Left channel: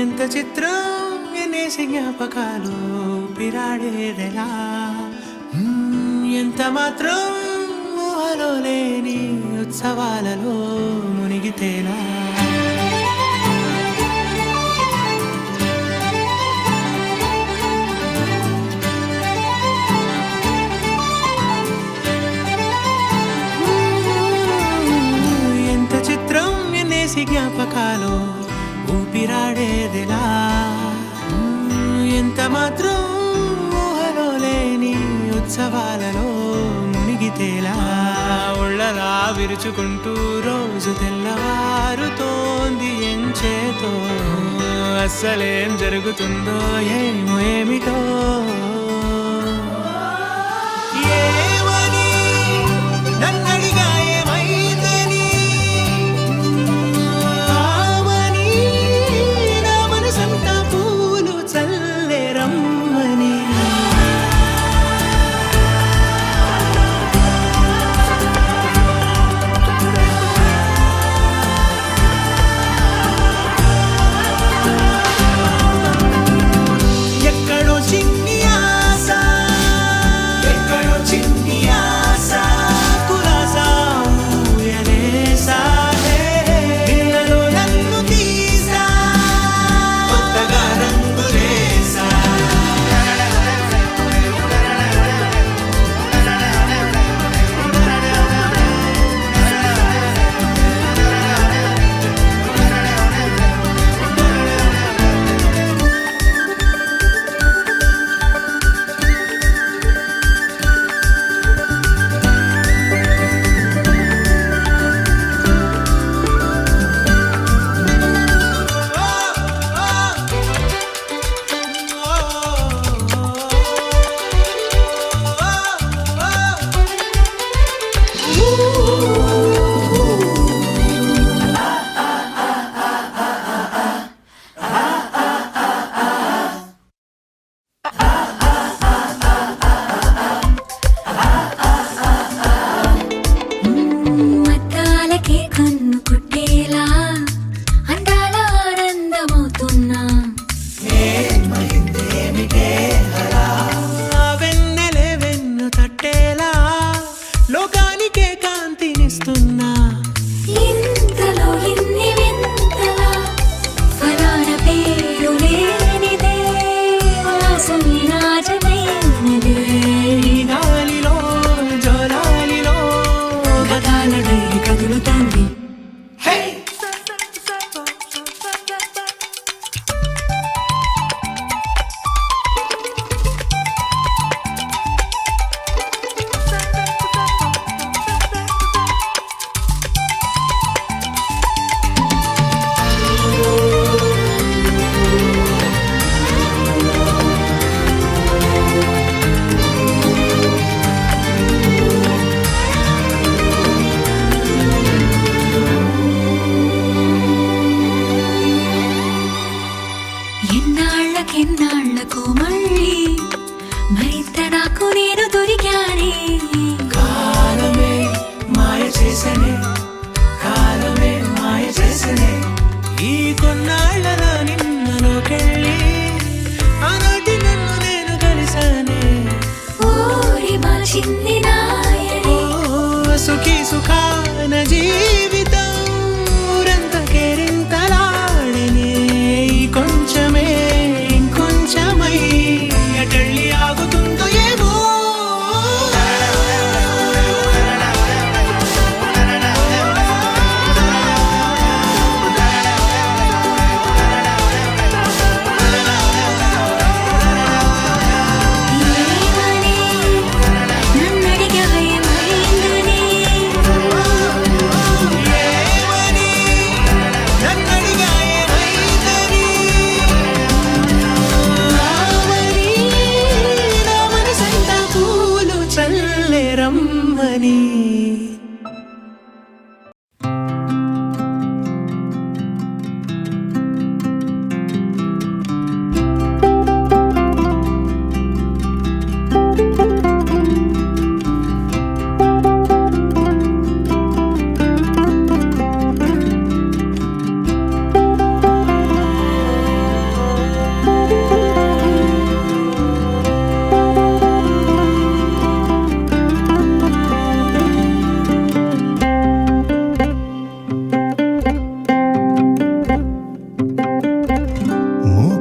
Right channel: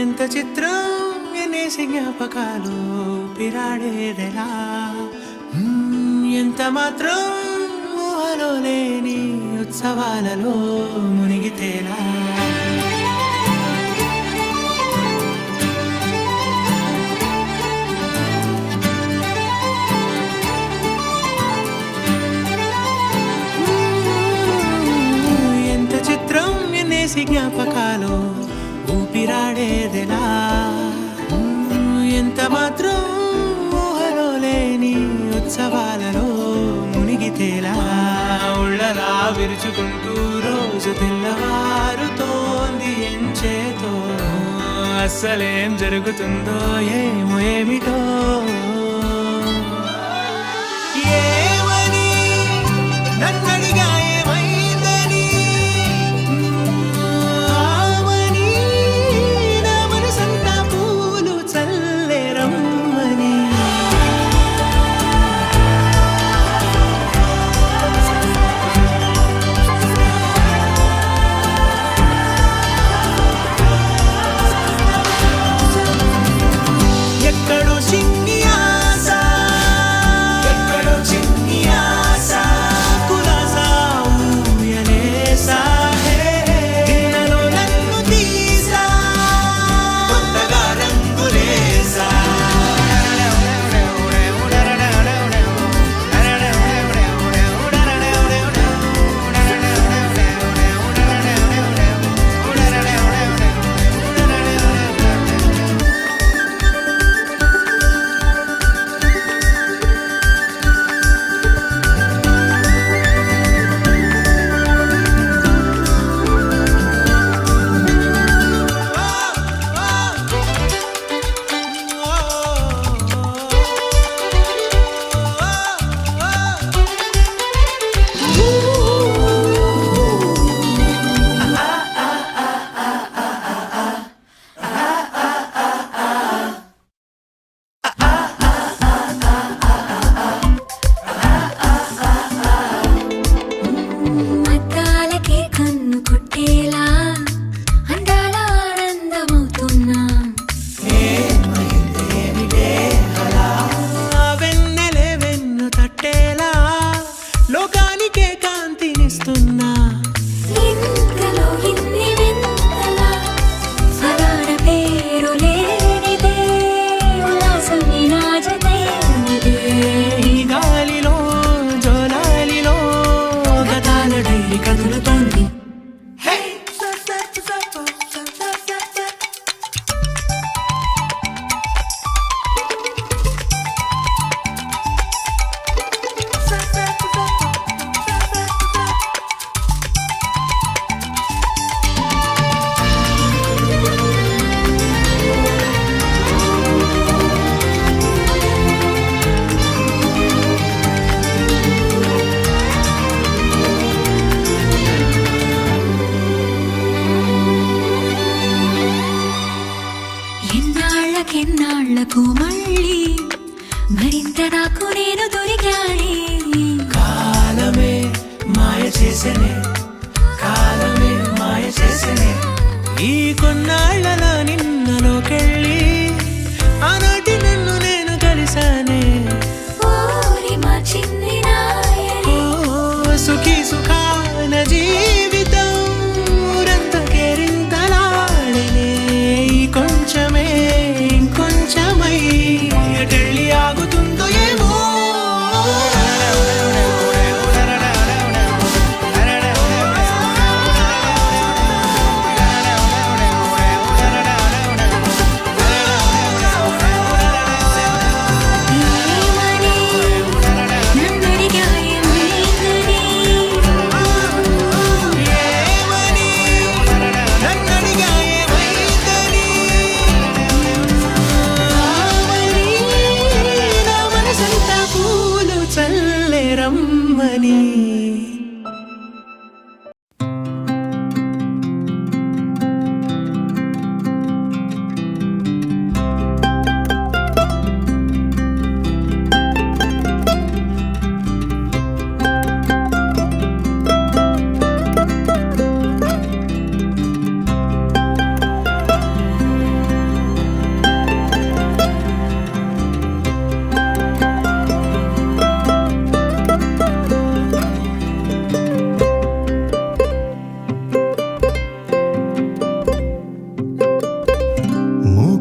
ఎంత చిత్రం ఎనేసి జ్ఞాపకాలు పిరాడేదెలా ఎంత మాత్రం ఊహలో లేని ఉత్సవాలలో మునిగితేలా ఎంత చిత్రం ఎనేసి జ్ఞాపకాలు ఊపిరాడేదెలా ఎంత మాత్రం ఊహలో లేని ఉత్సవాలలో మునిగితేలా ఉళ్ళలా విరుచుకుంటూ రోజు తెల్లవారుతోంది ఎంచేతో అస్సలేం జరుగుతుందో ఏమో ఏమిటో ఏమని నన్నడిగా ఏమైందని సంతా పూలు చల్లేరమ్మని ఎక్కడో చిన్ని ఆశ ఎక్కడో చిన్ని ఆశ కులాసా ఊయలేసా నిన్నలో నన్ను తీసా కొత్తగా రంగులేసా లోకానికే కాంతినిస్తున్నా ఇంతలో ఇన్ని వింతలా ఫలాన పేరు లేనిదే వాసని రాజదేనిదే ఈ గాలిలో జోలాలిలో గతాల డైరీ కదులుతోంది ఎన్నాళ్ళకు మళ్ళీ మరింత నాకు నేను దొరికానే కాలమే మాయ చేసనే కాలమే మాయ చేసనే ఈ కొన్నాళ్ళలో నిన్నలోకెళ్ళి ఆనాటి నన్ను నేను కలిసానే ఓరి మా చిన్ని నాయనే ఓ సుఖీ సుఖాన జీవితం ఊరంత కేరింతలాడనే ఈ కొంచెమే ఇంకొంచెమై ఎటెళ్ళి ఆగుతుందో ఏమో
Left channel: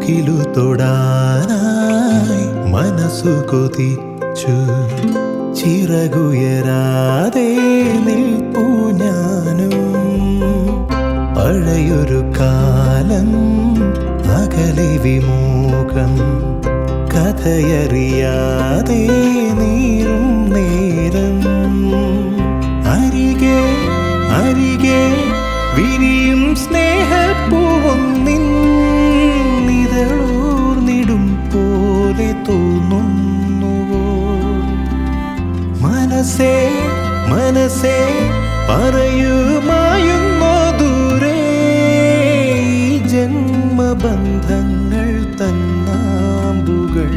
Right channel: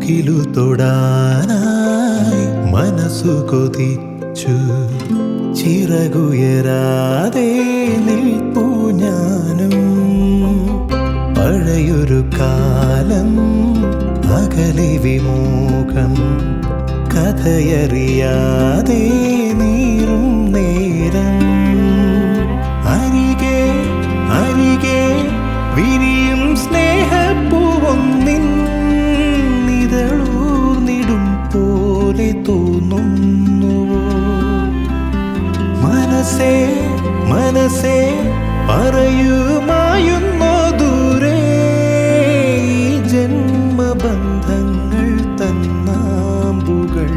മുകിലു തൊടാനായി മനസ്സു കൊതിച്ചു ചിറകുയരാതെ നിൽപ്പൂ ഞാനും പഴയൊരു കാലം അകലെ വിമുഖം കഥയറിയാതെ നീറും നേരം അരികെ അരികെ വിരിയും സ്നേഹപ്പൂവൊന്നിൻ നിഴലൂർന്നിടും പോലെ തോന്നുന്നുവോ മനസ്സേ മനസ്സേ പറയുമായുന്നോ ദൂരെ ഈ ജന്മബന്ധങ്ങൾ തന്നാമ്പുകൾ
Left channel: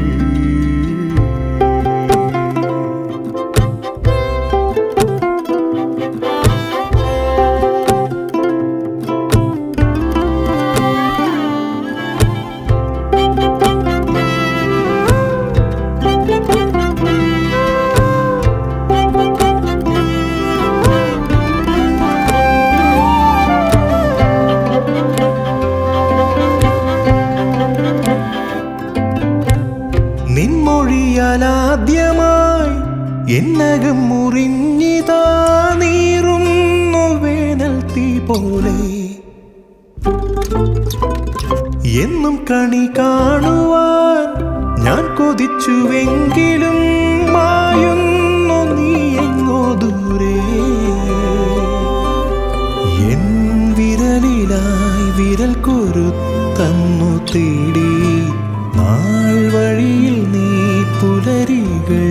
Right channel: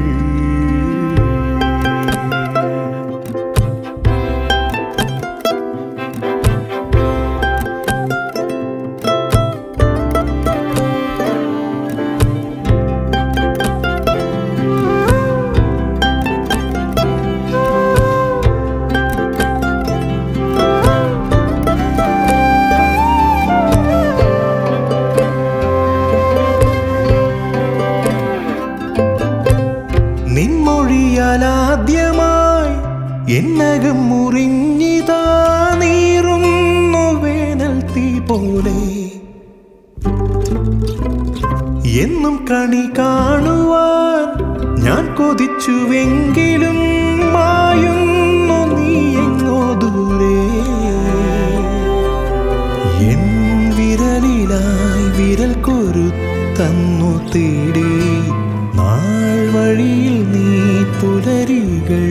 നിൻമൊഴിയാലാദ്യമായി എന്നകം മുറിഞ്ഞിതാ നീറുന്നു വേനൽ തീ പോലെ എന്നും കണി കാണുവാൻ ഞാൻ കൊതിച്ചുവെങ്കിലും മായുന്നു നീ എങ്ങോ ദൂരെ എൻ വിരലിലായി വിരൽ കൊരുത്തന്നു തേടി നാൾ വഴിയിൽ നീ പുലരികൾ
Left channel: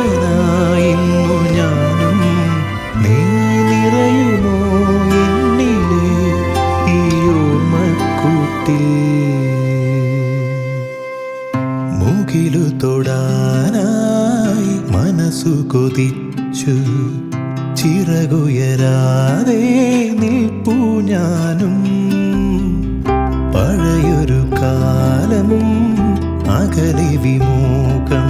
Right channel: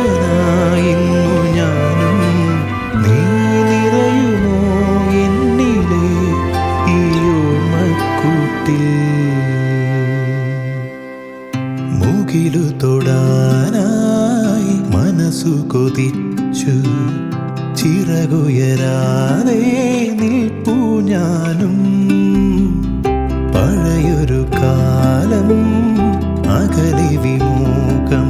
ആരവമൊഴിഞ്ഞേകനായിന്നു ഞാനും നീ നിറയുമോ എന്നിലെ ഈ ഓർമ്മക്കൂട്ടിൽ മുകിലു തൊടാനായി മനസ്സു കൊതിച്ചു ചിറകുയരാതെ നിൽപ്പൂ ഞാനും പഴയൊരു കാലം അകലെ വിമുഖം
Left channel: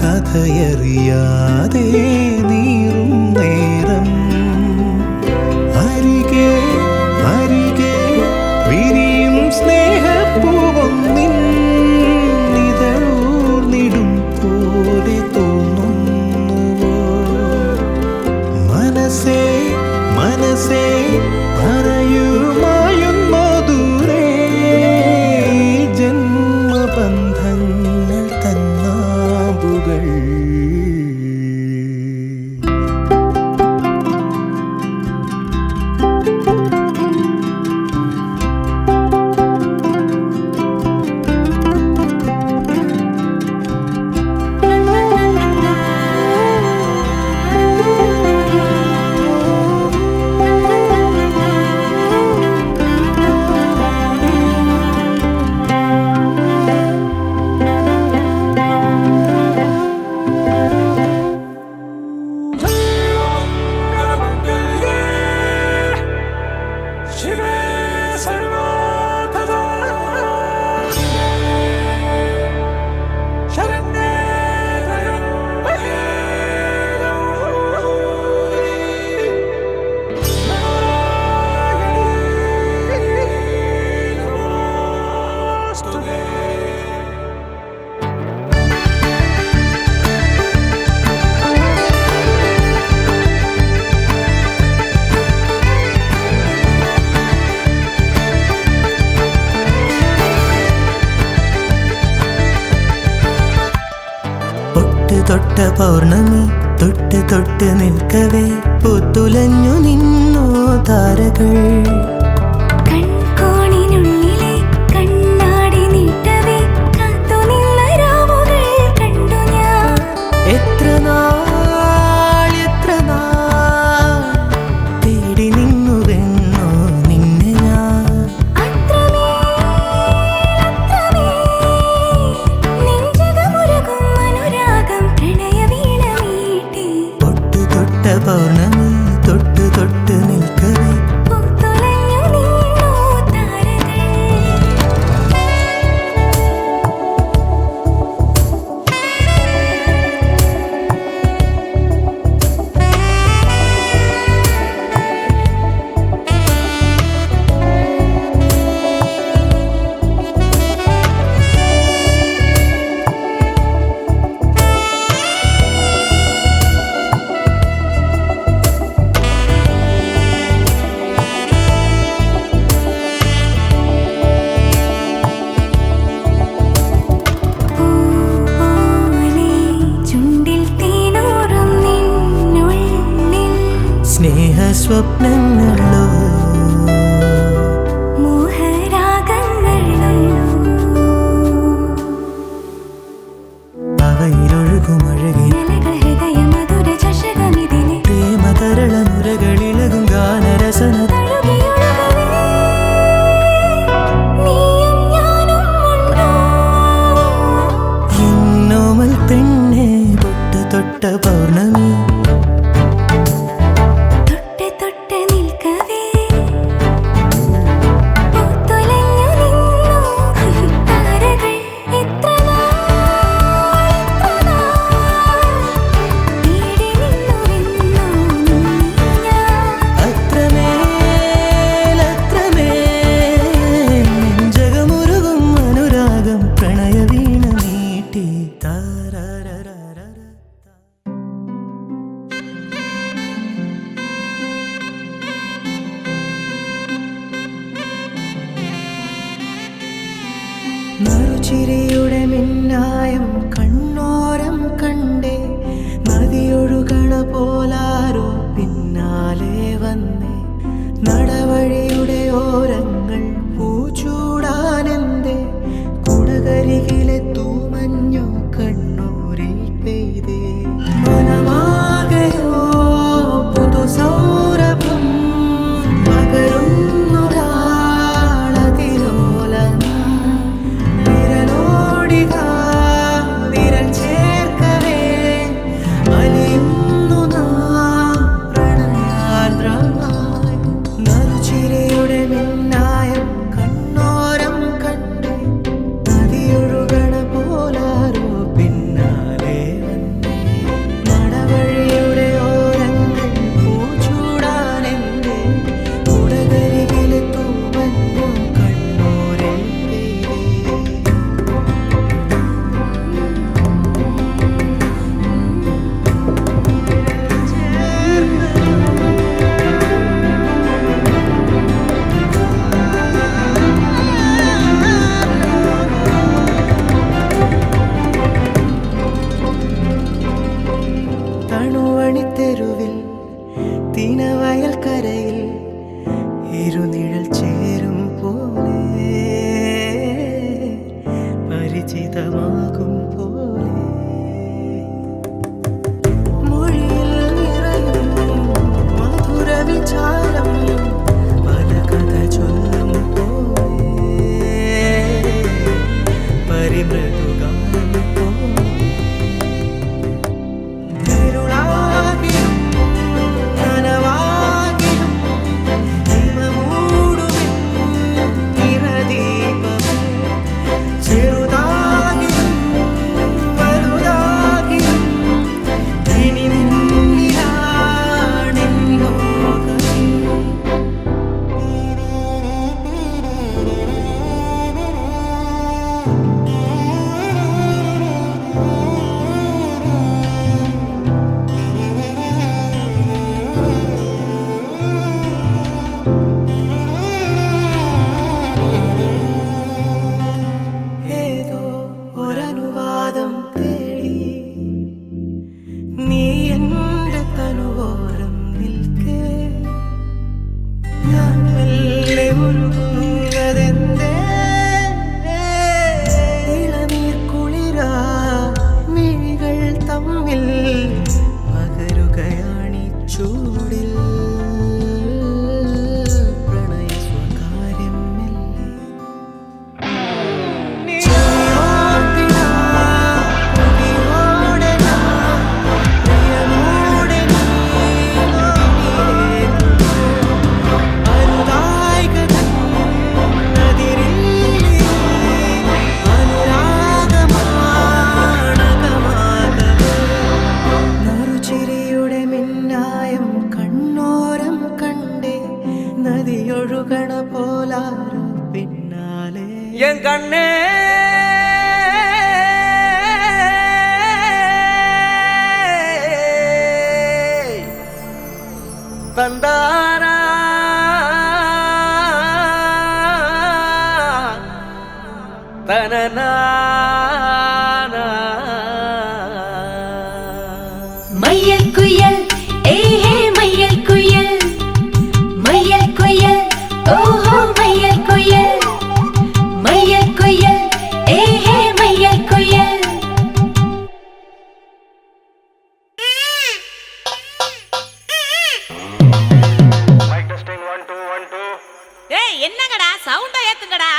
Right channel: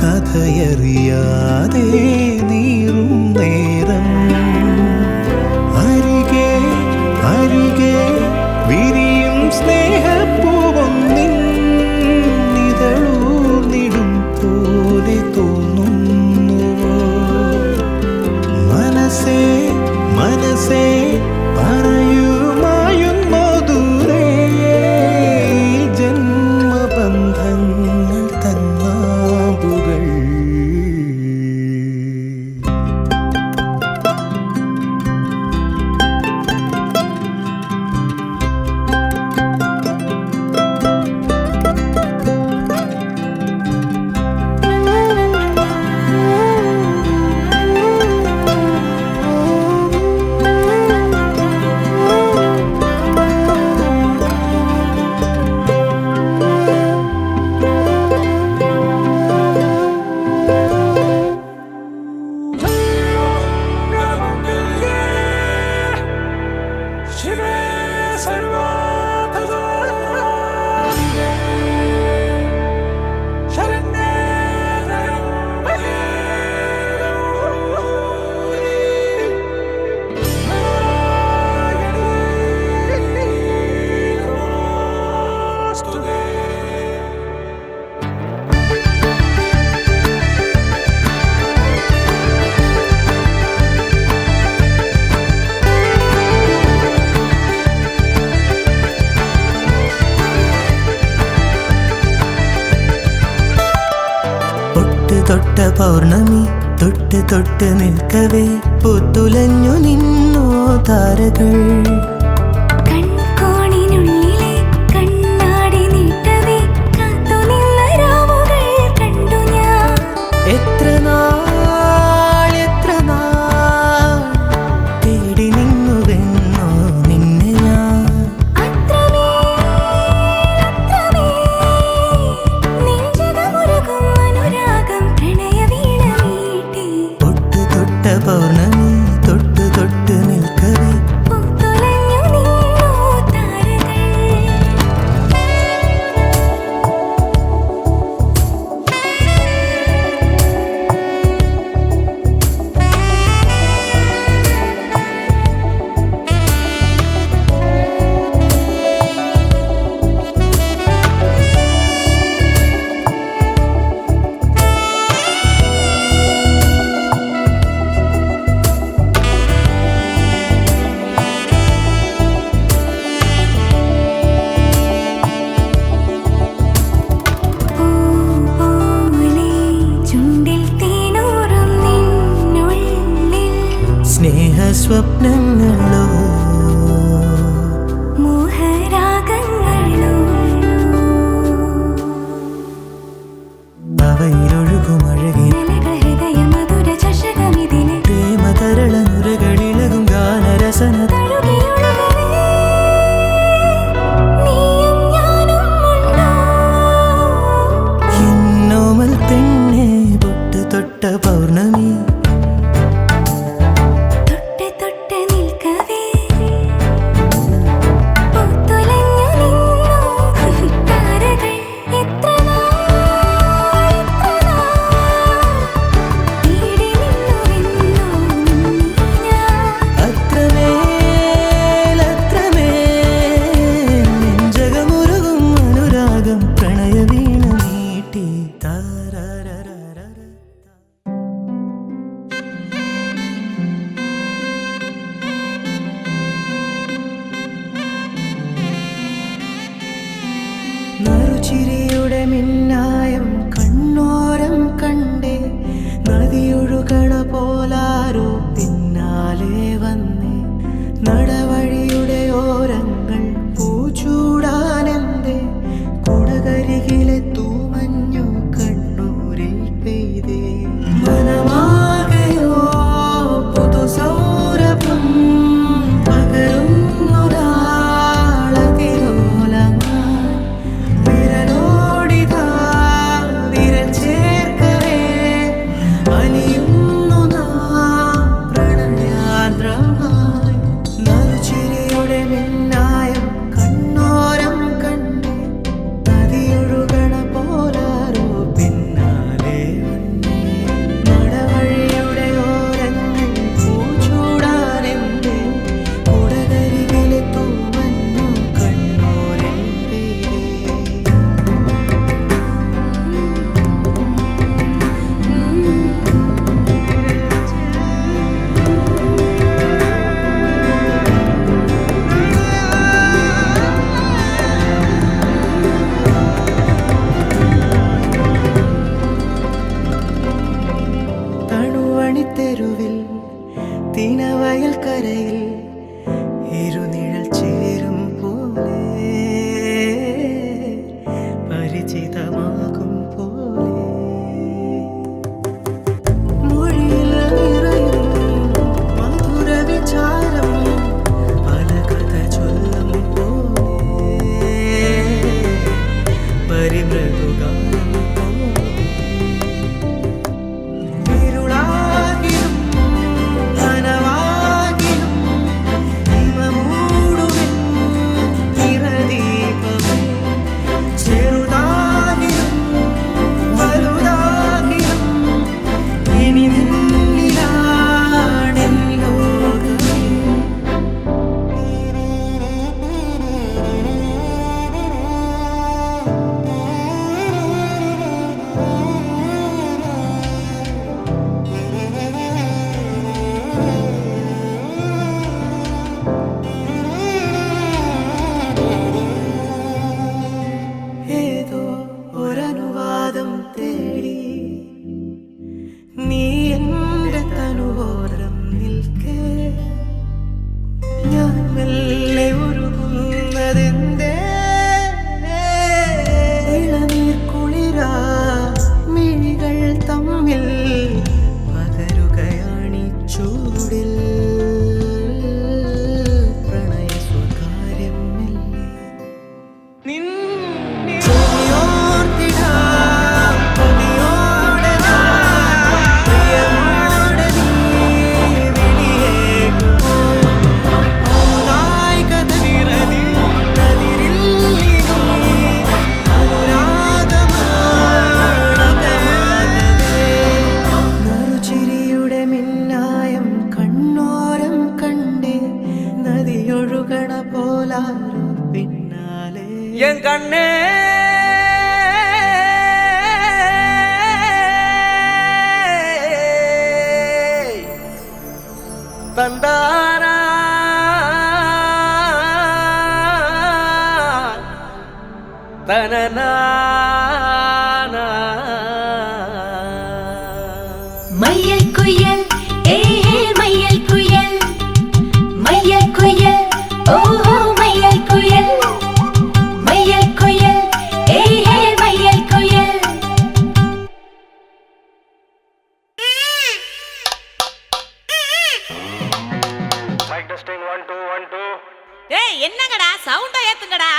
കഥയറിയാതെ നീറും നേരം അരികെ അരികെ വിരിയും സ്നേഹപ്പൂവൊന്നിൻ നിഴലൂർന്നിടും പോലെ തോന്നുന്നുവോ മനസ്സേ മനസ്സേ പറയുമായുന്നോ ദൂരെ ജന്മബന്ധങ്ങൾ തന്നാമ്പുകൾ തൊട്ട പൗർണമി തൊട്ട് തൊട്ട് നിൽക്കവേ പൂത്തുലഞ്ഞു നിന്നോ താരകൾ കൺകോണിനുള്ളിലെ കണ്ണാടി നീട്ടവേ കാത്തു നിന്ന രാവുകൾ കണ്ടു ഞാൻ എത്ര നാൾ തേടി നിന്നുവെന്നോ നിന്നെ ഞാൻ പൗർണമി തൊട്ട് നിൽക്കവേ പൂത്തുലഞ്ഞ സ്വപ്നങ്ങളോ മോഹരാഗങ്ങളോ അവയിലൊഴുകുമഴകി ഹൃദയ മധുര ചഷകമിതിലെ പ്രേമതരള നുരകളിളകും ഗാനരസന എന്നോമൽ പെണ്ണെ പൊട്ട് തൊട്ട പൗർണമി നറുചിരിയുടെ മിന്നായം കണ്ണോരം കണ്ടേ നദിയൊഴുകണ പോലാരോ പിന്നാലെ വന്നേ നടവഴിയുടെ ഓരങ്ങൾ പൂച്ചൂടാനെന്തേ കുടകരികിലെ തൂമഞ്ഞോ കണ്ണൂരിൽ പെയ്തേ മനമാകയോ പുതുസൗരഭം തെരുവിൽ തിനവയൽ കരയിൽ ഇരുനിഴൽ ചേരും പോലെ പരിചിതമാകും പോലെ മൊഴിയിൽ നിറയും മധുര വിചാരം പല കഥ ചൊല്ലും പോലെ പരിമൃദുഗാനം പോലെ ഒരനുവാദം തേടി നീ എൻ്റെ തനുവോരം നിൽക്കേ ഞാൻ മെല്ലെ ഉരുകുന്നതെന്തേ ഇളനീർ കുളിരാ മിഴികൾ തമ്മിൽ പകരുകയാണീ ചൂടിൽ നദിയൊഴുകണ പോലാരോ പിന്നാലെ എൻ കണ്ണേ തന്താന തനന മയ്യൽ കുയൽ ഏ മയ്യൽ കുയൽ என்னங்கடா சவுண்ட ஏத்துங்கடா.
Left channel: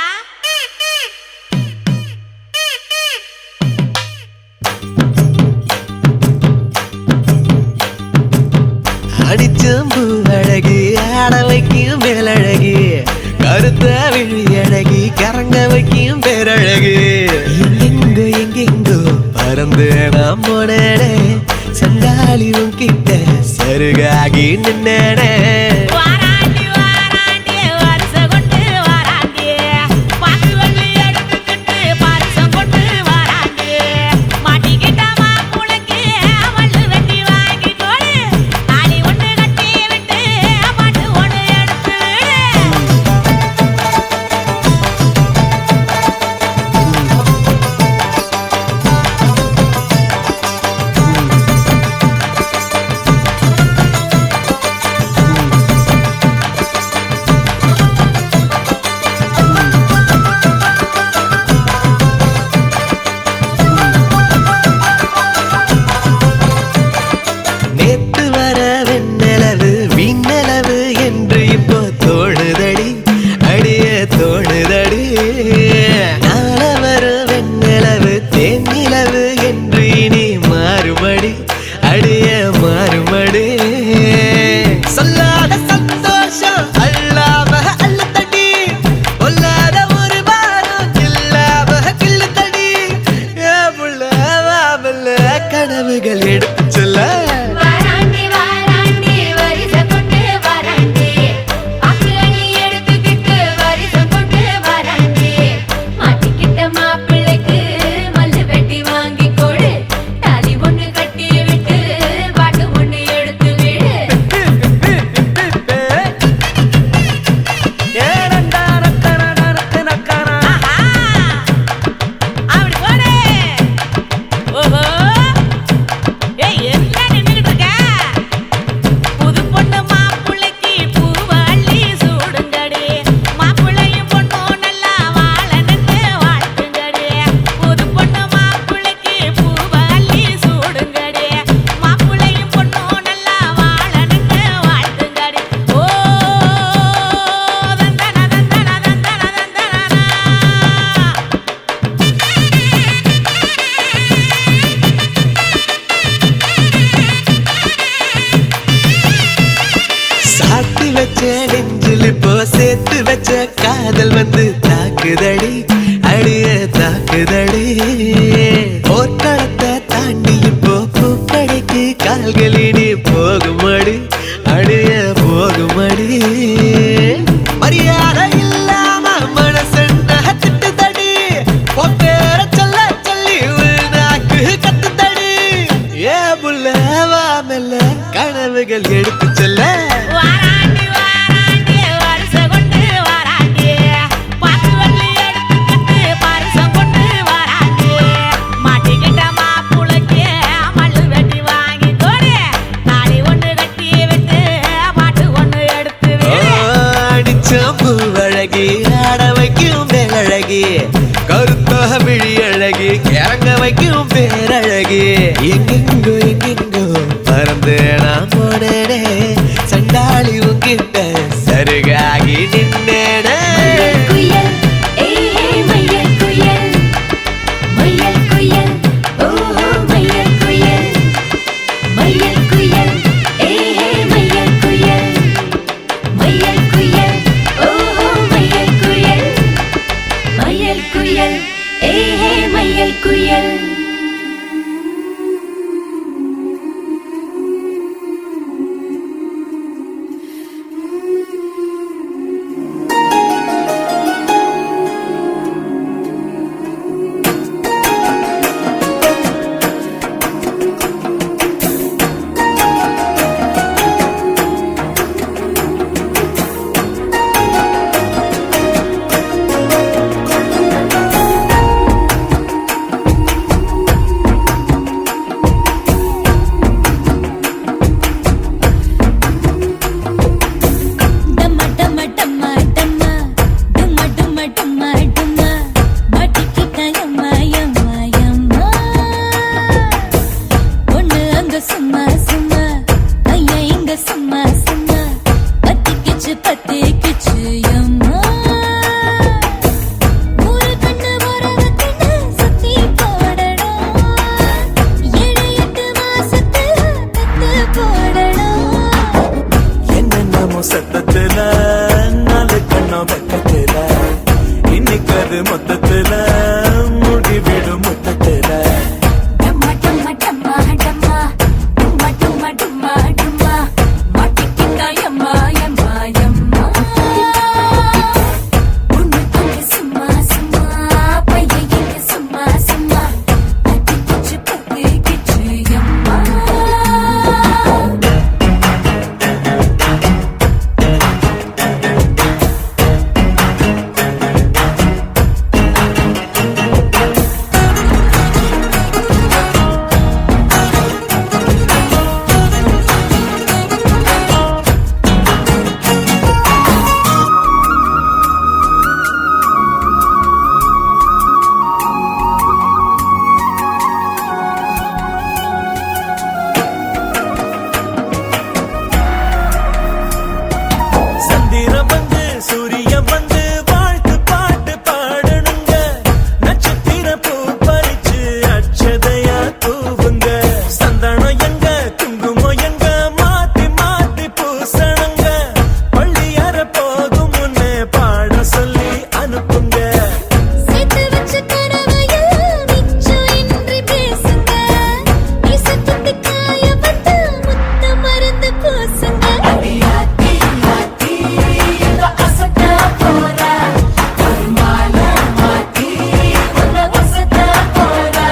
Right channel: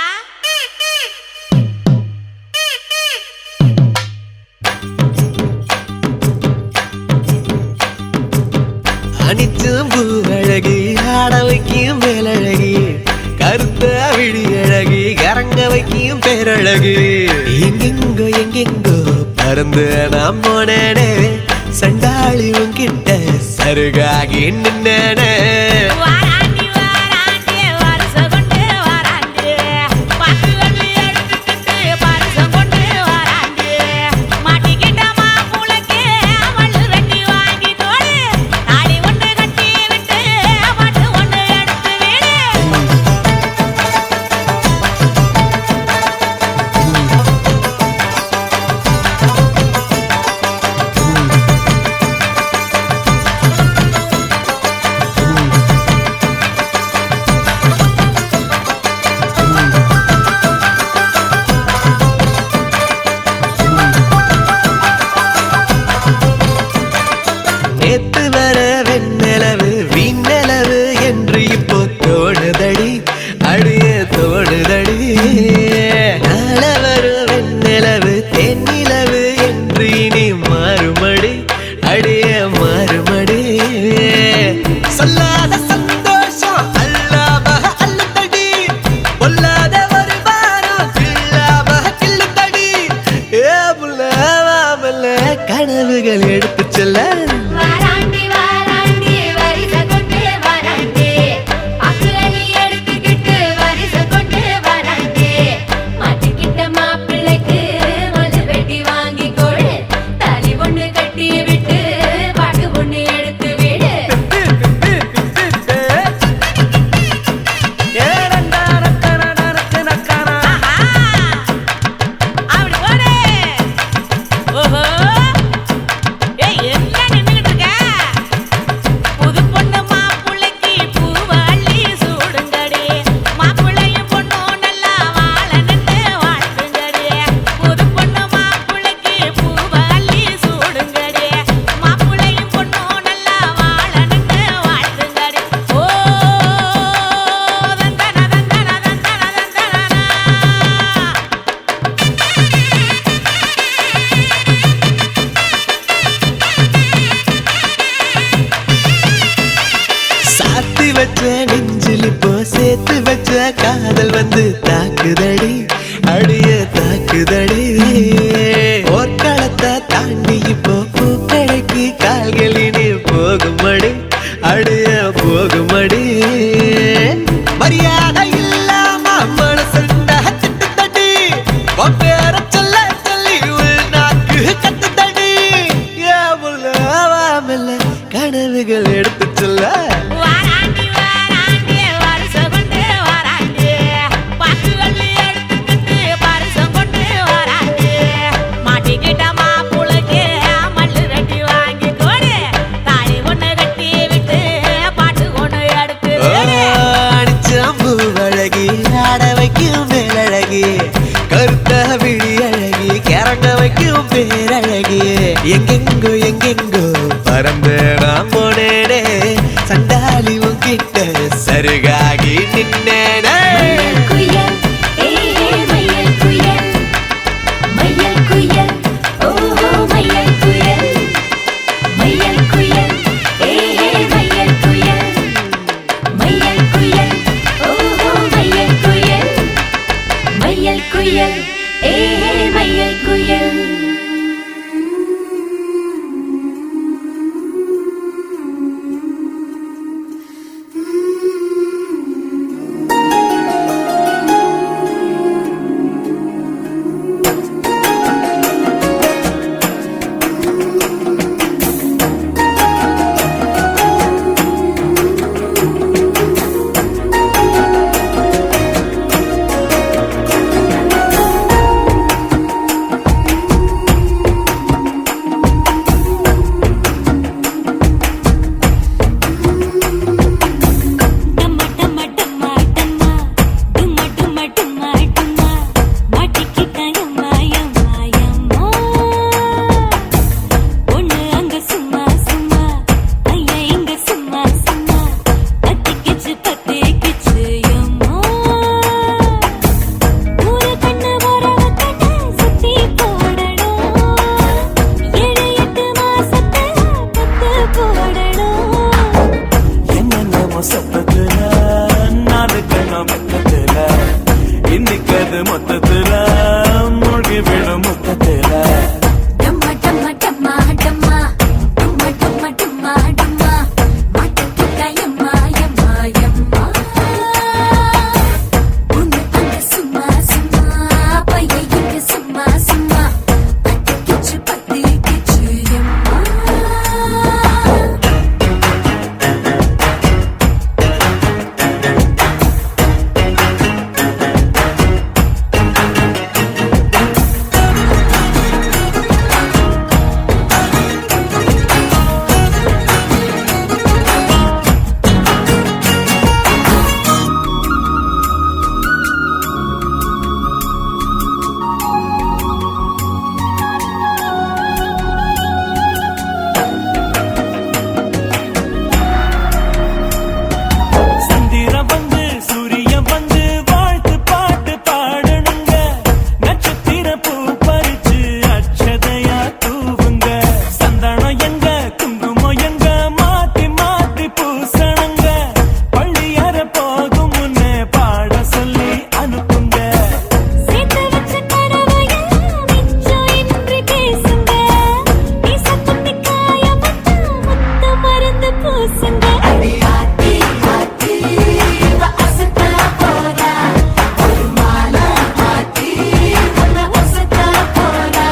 அடிச்சும் பூவழகி ஆட வைக்கியும் மேலழகி கருத்த விழி அழகி கரங்க வைக்கியும் பேரழகி எங்கெங்கோ எங்கெங்கோ பறந்து நாம் போனேனே சண்டாளியும் கிட்ட சருகாகி நின்னேனே எடுத்து சொல்ல சேர்த்து வச்ச காதல் வந்து தாக்குதடி அடிய தாக்குதடி போர்க்களத்தை தாண்டி இப்போ பூக்கடைக்கு கால்களிடி போகுமடி அடிய போகுமடி மரியாதை இல்லாம மனசண்டா திட்டுதடி ஒக்க சொல்ல சொல்லி நாக்கு கத்துதடி ஏ முல்ல வாமல கனவுகள் எடுத்து சொல்ல பேரழகே எங்கெங்கோ எங்கெங்கோ பறந்து நாம் போனேனே சண்டாளி உங்கிட்ட சருகாகி நின்னேனே பத்திக்கிச்சு பத்திக்கிச்சு அம்மா சந்திரன் வந்து சூரியன் வந்து வாழ்த்து பாட்டு பாடணுங்க நட்சத்திர பூ பறிச்சு அட்சதையா தூவுங்க சந்தனம் எங்க குங்குமம் எங்க மாத்தி மாத்தி பூசணுங்க பள்ளி அற போகும் முன்னே பாட சொல்லி அனுப்புங்க சேர்த்து வச்ச கனவையெல்லாம் மிச்சம் இன்றி பேசுங்க மீசக்குத்தி காய வந்து முத்து மருந்து பூசுங்க அடியாத்தி மாத்தி இவ அசத்த போறா ஒரு மாலை மாத்தி உன்னை அசத்த போறா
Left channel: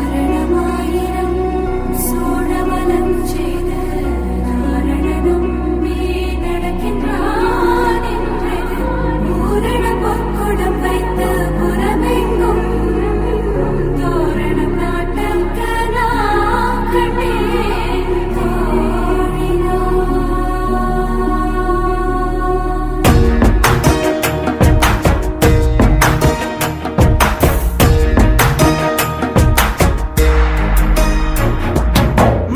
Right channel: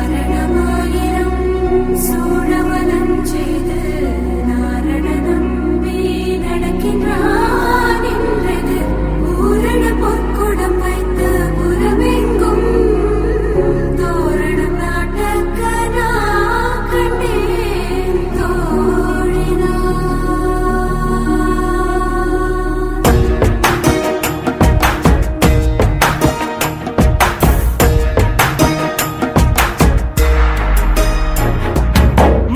வாரணமாயிரம் சூழவலம் செய்து நாரணனம் நடக்கின்றான் என்றது பூரண பொற்குடம் வைத்து புறமெங்கும் தோரணம் நாட்டக்க நான் கண்டேன் தோழினா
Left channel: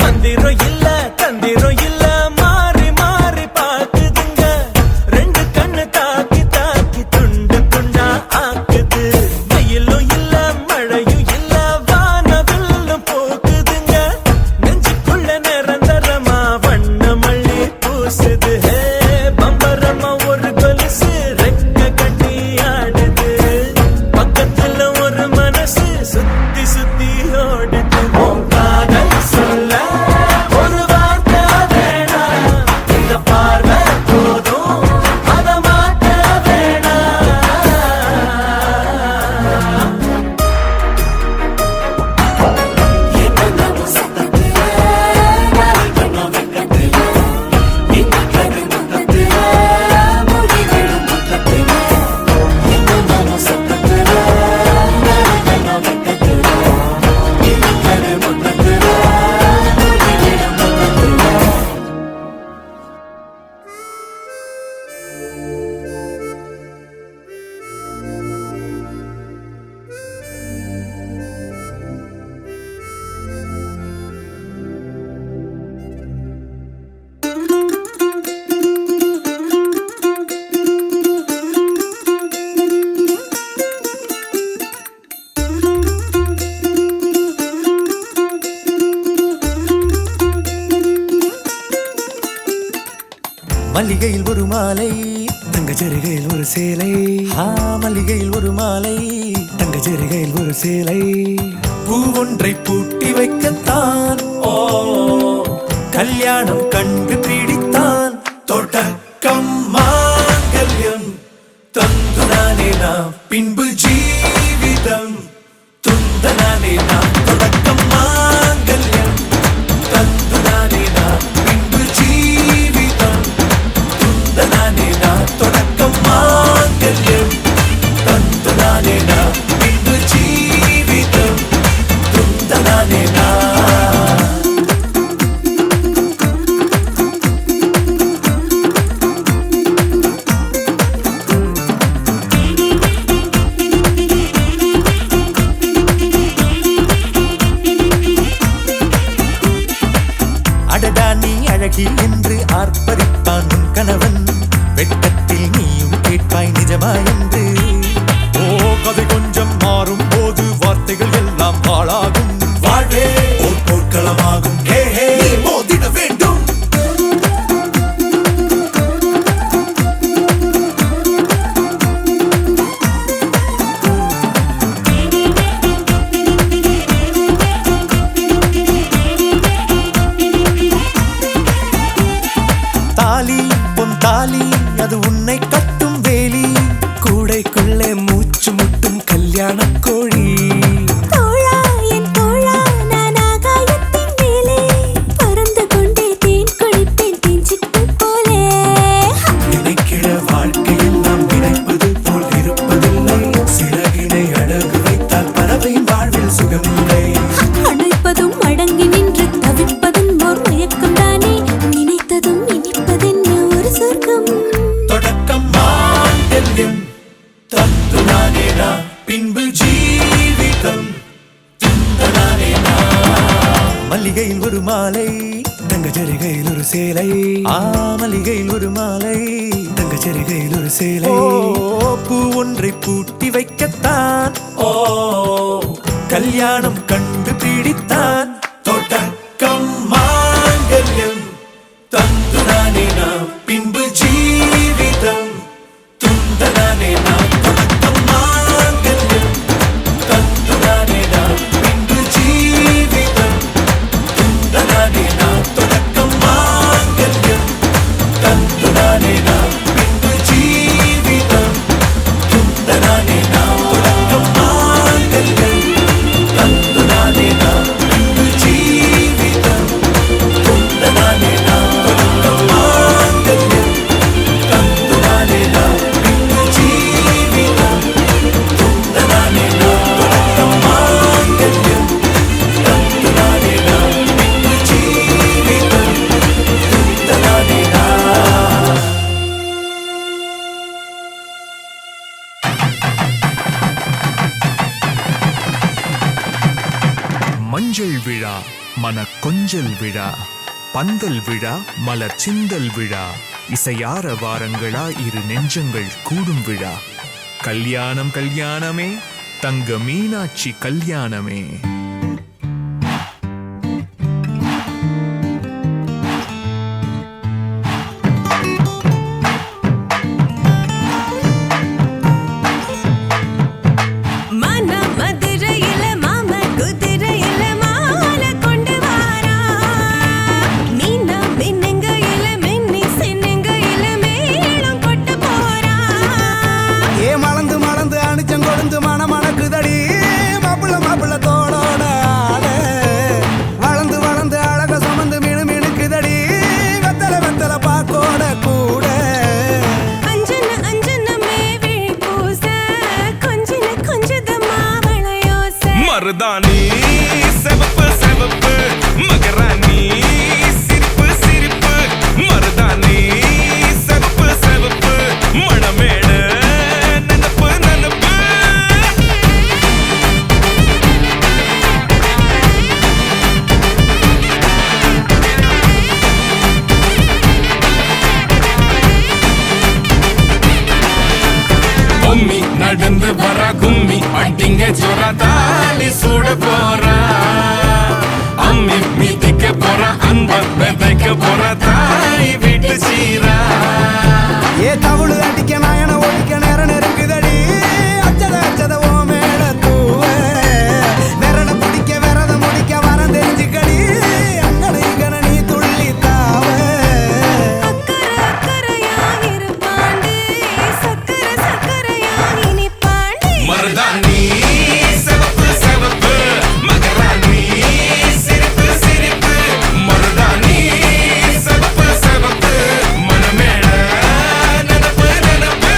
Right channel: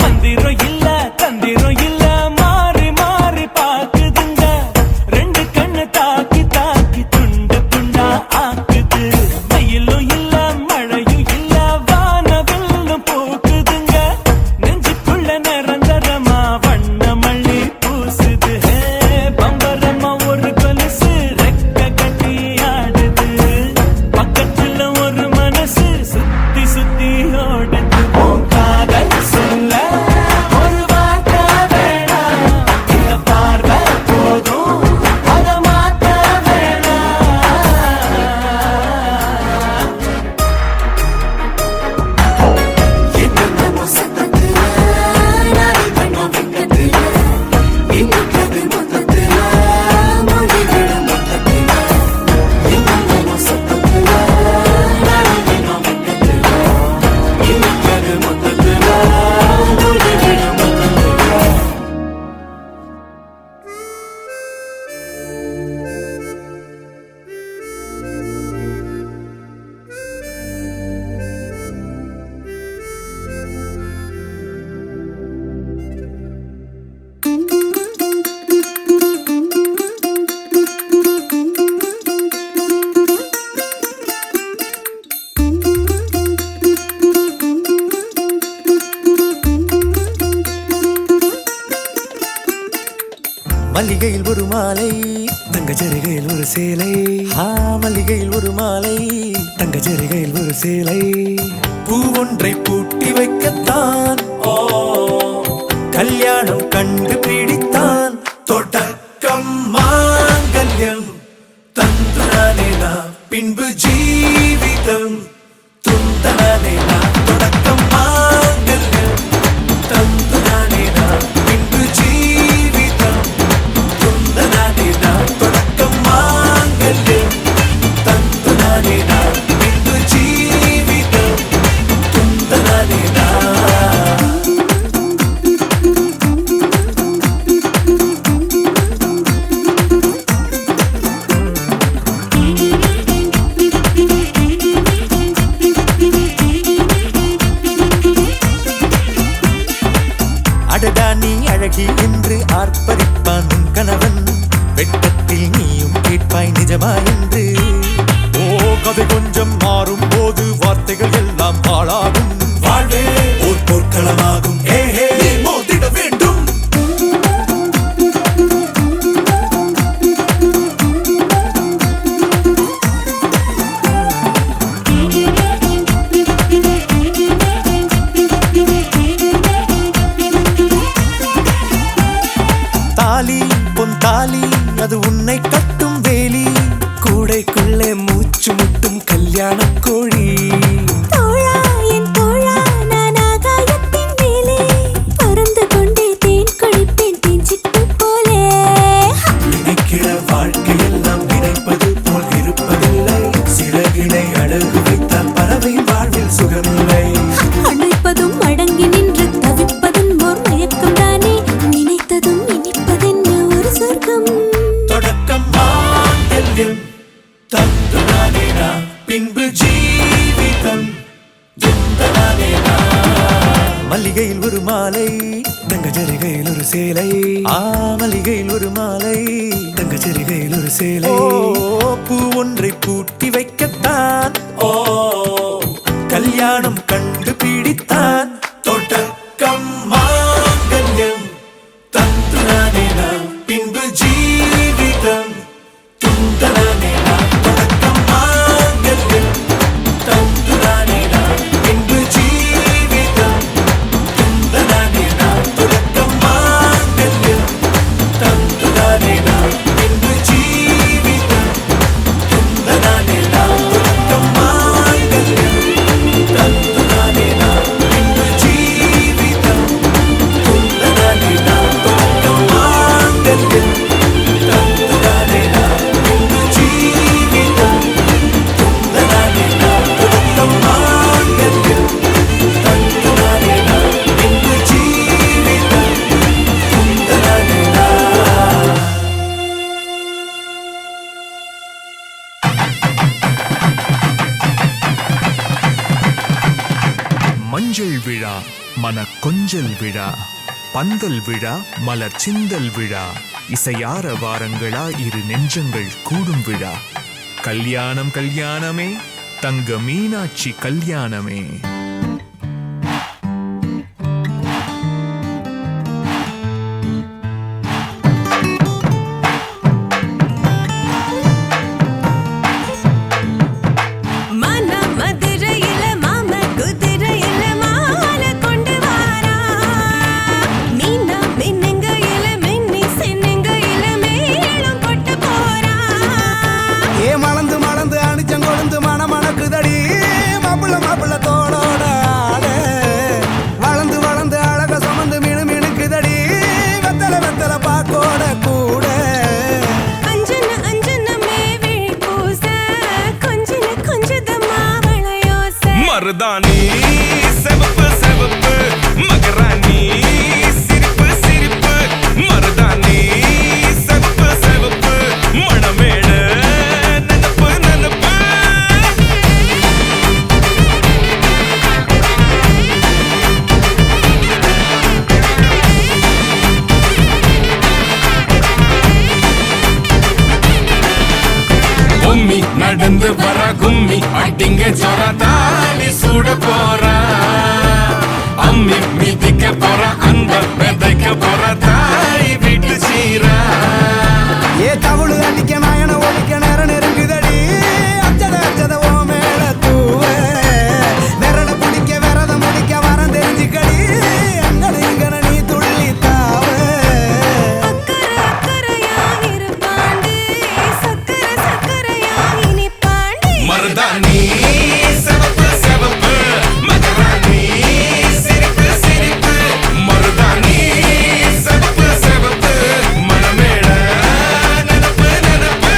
மந்திரம் இல்ல தந்திரம் இல்ல மாறி மாறி பாக்குதுங்க ரெண்டு கண்ணு தாக்கி தாக்கி துண்டு துண்டா ஆக்குது வெயிலும் இல்ல மழையும் இல்ல வானவில்லும் போக்குதுங்க நெஞ்சுக்குள்ள நிரந்தரமா வண்ண மல்லி பூசுது ஹே பம்பரமா ஒரு கொலுசு ரெக்க கட்டி ஆடுது பக்கத்துல ஒரு மனசு சுத்தி சுத்தி ஓடுது உன் காதல் சொல்ல ஒரு வார்த்தை வேணாம் இந்த பார்வை போதும் அத மாத்த வேணாம் என்னமோ சத்தத்துல நான் கண்ண வெக்கத்துல இன்னைக்கு முத்தத்துல மொழிகளும் முத்தத்துல என்னமோ சத்தத்துல நான் கண்ண வெக்கத்துல இன்னைக்கு முத்தத்துல மொழிகளும் முத்தத்துல மல்லிகையில் ஒரு மாலை தங்க ஜரிகையில் ஒரு சேலை மல்லிகையில் ஒரு மாலை தங்க ஜரிகையில் ஒரு சேலை பூ ஒன்றை பூட்டி வைக்கத்தான் கல்யாணம் கண்டு பிடித்தான் தொடக்கம் மாங்கல்யம் தந்துனானே நாம் பின்பு ஜீவிதம் துந்தனானே நாம் தொடக்கம் மாங்கல்யம் தந்துனானே நாம் பின்பு ஜீவிதம் துந்தனானே நாம் தொடக்கம் மாங்கல்யம் தந்துனானே நாம் பின்பு ஜீவிதம் துந்தனானே நாம் அடடா நீ அழகி என்று ஆர்ப்பரிப்பான் உன் கணவன் வெட்கத்தில் நீயும் கேட்பாய் நிஜமா என்று ஓ கதை கொஞ்சம் மாறும் போது வார்த்தைகள் எல்லாம் பாழாகும் வாழ்வே ஓர் போர்க்களமாகும் நீ மோதிட வேண்டும் தாலி பொன் தாலி அது உன்னை கட்டும் வேலி கூடைக்குள்ளே மூச்சு முட்டும் கல்யாண கோழி தோழா என் தோழா நான் ஆகாயத்தின் மேலே பறந்து கொண்டே தேன் குடிப்பேன் தேஞ்சிட்டு போலே நினைக்கிற வாழ்க்கையெல்லாம் நினைப்பது போல் இருப்பதில்லை சிறகினை அழகு வைத்தால் பார்வையின் வாழ்வில் சுகமில்லை. அணைப்பதும் அடங்கி நின்று தவிப்பதும் ஓர் மயக்கம் தானே, நினைத்ததும் இனிப்பதென்ன ஒரு சொர்க்கம். தொடக்கம் மாங்கல்யம் தத்துனானேனா, பின்பு ஜீவிதம் துந்தனானேனா. மல்லிகையில் ஒரு மாலை, தங்க ஜரிகையில் ஒரு சேலை. மல்லிகையில் ஒரு மாலை, தங்க ஜரிகையில் ஒரு சேலை. பூ ஒன்றை பூட்டி வைக்கத்தான் கல்யாணம் கண்டு பிடித்தான். தொடக்கம் மாங்கல்யம் தந்துனானேனா, பின்பு ஜீவிதம் துந்தனானேனா. தொடக்கம் மாங்கல்யம் தந்துனானேனா, பின்பு ஜீவிதம் துந்தனானேனா. தொடக்கம் மாங்கல்யம் தந்துனானேனா, பின்பு ஜீவிதம் துந்தனானேனா. தொடக்கம் மாங்கல்யம் தந்துனானேனா, பின்பு ஜீவிதம் துந்தனானேனா. தொடக்கம் மாங்கல்யம் தந்துனானேனா, பின்பு ஜீவிதம் துந்தனானேனா. தொடக்கம் மாங்கல்யம் தந்துனானேனா, பின்பு ஜீவிதம் துந்தனானேனா. மஞ்சள் விழா மன கொஞ்சல் விழா, பந்தல் விழா மலர் சிந்தல் விழா, இசையார வாரங்களா இரு நெஞ்சங்கள் கூடும் விழா. கல்யாணம் கல்யாணமே தங்க மீனாட்சி கல்யாணமே. மன மதுரையில மாம குதிரையில மாலை கொண்டு வாரா, மீனா மின்னுங்கையில மின்னி சின்னுங்கையில மேளம் கொட்டு போறா. ஏ மலந்து மலந்து அணிச்சம் கொழுந்து மணக்குதடி, மாப்பிள்ள மாப்பிள்ள தோளோட ஆட. வளர்ந்து வளர்ந்து அழக சுமந்து மினு மினுக்குதடி, வெத்தல வெத்தல பாக்கோட கூட. அஞ்சன அஞ்சனமே விழி பூச, கொஞ்சன கொஞ்சதமா வளையோச. மருதாணி செவப்பு செவப்பு, மகராணி சிரிப்பு சிரிப்பு. மருதாணி செவப்பு செவப்பு, மணமேட நனப்பு நனப்பு. பொம்மி நடந்து வர கும்மி அட்டிங்க சொர தாலி சூட போறா. அம்மி மீதிக்க போற அன்ப விதைக்க போற தாய் வீட்டு சீரா. ஏ தவுளு அடிக்க நாயன ஒழிக்க நேரம் நெருங்குதடி, அச்சத அச்சத ஓ மேல தூவ. விரட பிடிக்க விரத முடிக்க வரம் தெரிஞ்சுக்கடி, அங்கன இங்கன நீ துள்ளி தாவ. அக்கறை அக்கறையா இருப்பாண்டி, சக்கர சக்கரையா இனிப்பாண்டி. மருதாணி செவப்பு செவப்பு, மகராணி சிரிப்பு சிரிப்பு. மருதாணி செவப்பு செவப்பு, மணமேள நனப்பு நனப்பு.